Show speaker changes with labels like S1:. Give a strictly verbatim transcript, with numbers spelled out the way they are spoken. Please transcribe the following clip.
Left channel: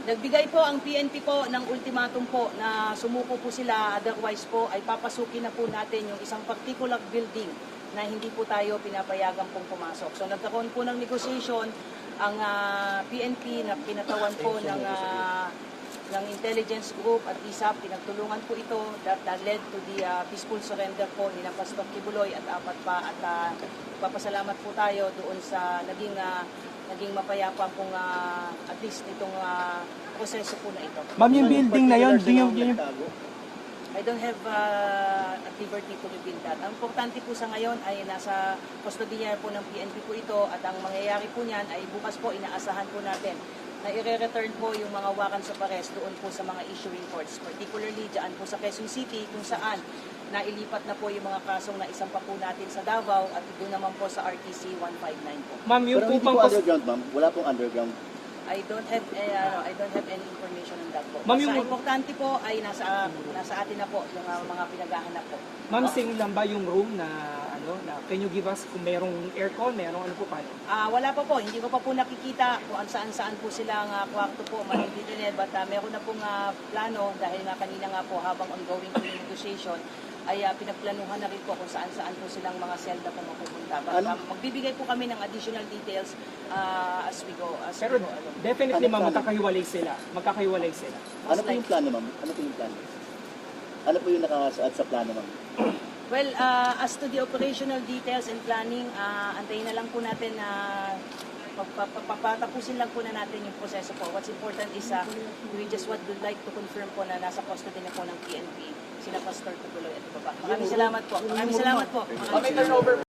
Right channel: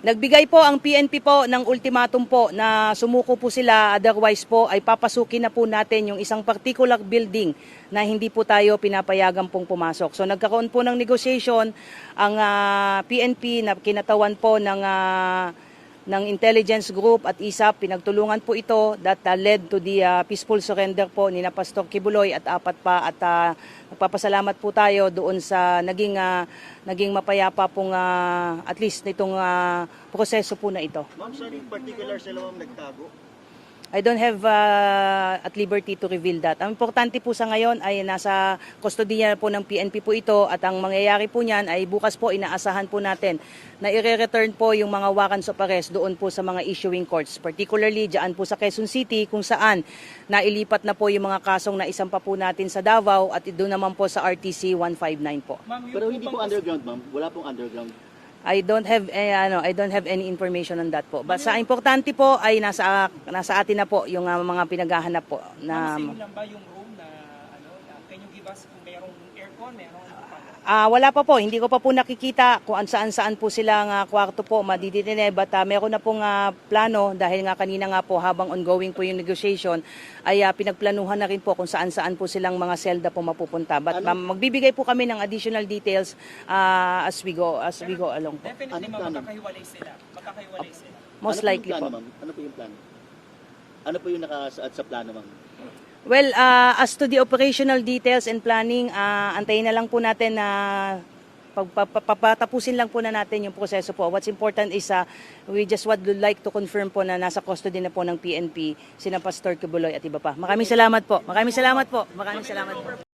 S1: Nagbigay po ang P N P po ng ultimatum po na sumuko po sila, otherwise po ay papasukin na po natin yung isang particular building na hindi po tayo pinapayagan pong pumasok. So nagkaroon po ng negotiation ang uh, P N P na kinatawan po ng uh, ng intelligence group at I S A P. Pinagtulungan po ito that uh, led to the uh, peaceful surrender po ni na Pastor Kibuloy at apat pa, at uh, nagpapasalamat po tayo doon sa naging uh, naging mapayapa pong uh, at least nitong uh, proseso po na ito.
S2: Ma'am, yung building na yun, yung, yung,
S1: I don't have uh, at liberty to reveal that. Ang importante po sa ngayon ay nasa kustodiya po ng P N P po ito, at ang mangyayari po niyan ay bukas po inaasahan po natin na i-return po yung mga warrants of arrest doon po sa mga issuing courts, particularly dyan po sa Quezon City kung saan nailipat na po yung mga kasong na isang pa po natin sa Davao, at doon naman po sa R T C one fifty-nine po.
S3: Ma'am, yung
S4: Pero hindi
S3: upang
S4: po underground, ma'am. Wala pong underground.
S1: I don't have eh, ano, I don't have any information on that po.
S3: Ma'am,
S1: Basta
S3: yung-
S1: importante po ay nasa nasa atin na po yung uh, mga pinaghahanap po.
S3: Ma'am,
S1: Na,
S3: same lang ba yung room na ano, na can you give us kung merong aircon, merong ano po paano?
S1: Ah, wala pa po, hindi ko pa po nakikita kung saan-saan po silang uh, kwarto po matitine, but uh, meron na pong uh, plano dahil nga kanina nga po habang ongoing po yung negotiation ay uh, pinagplanuhan na rin po kung saan-saan po silang mga selda po mapupunta. But
S4: Ano?
S1: um, magbibigay po kami ng additional details uh, as we go as we
S3: Pero
S1: go along.
S3: definitely,
S4: Ano
S3: ma'am,
S4: plano?
S3: magkakahiwalay sila. Magkakahiwalay sila.
S1: Most
S4: ano
S1: likely
S4: po yung plano,
S1: po.
S4: ma'am? Ano po yung plano? Ano po yung nakasaad sa plano, ma'am?
S1: Well, uh, as to the operational details and planning, uh, antayin na lang po natin na papatapusin lang po na natin yung proseso po. What's important is uh, we just would like to confirm po na nasa custody na po ng P N P sila Pastor Kibuloy at iba pa. Maraming salamat po. Maraming salamat po. Maraming salamat.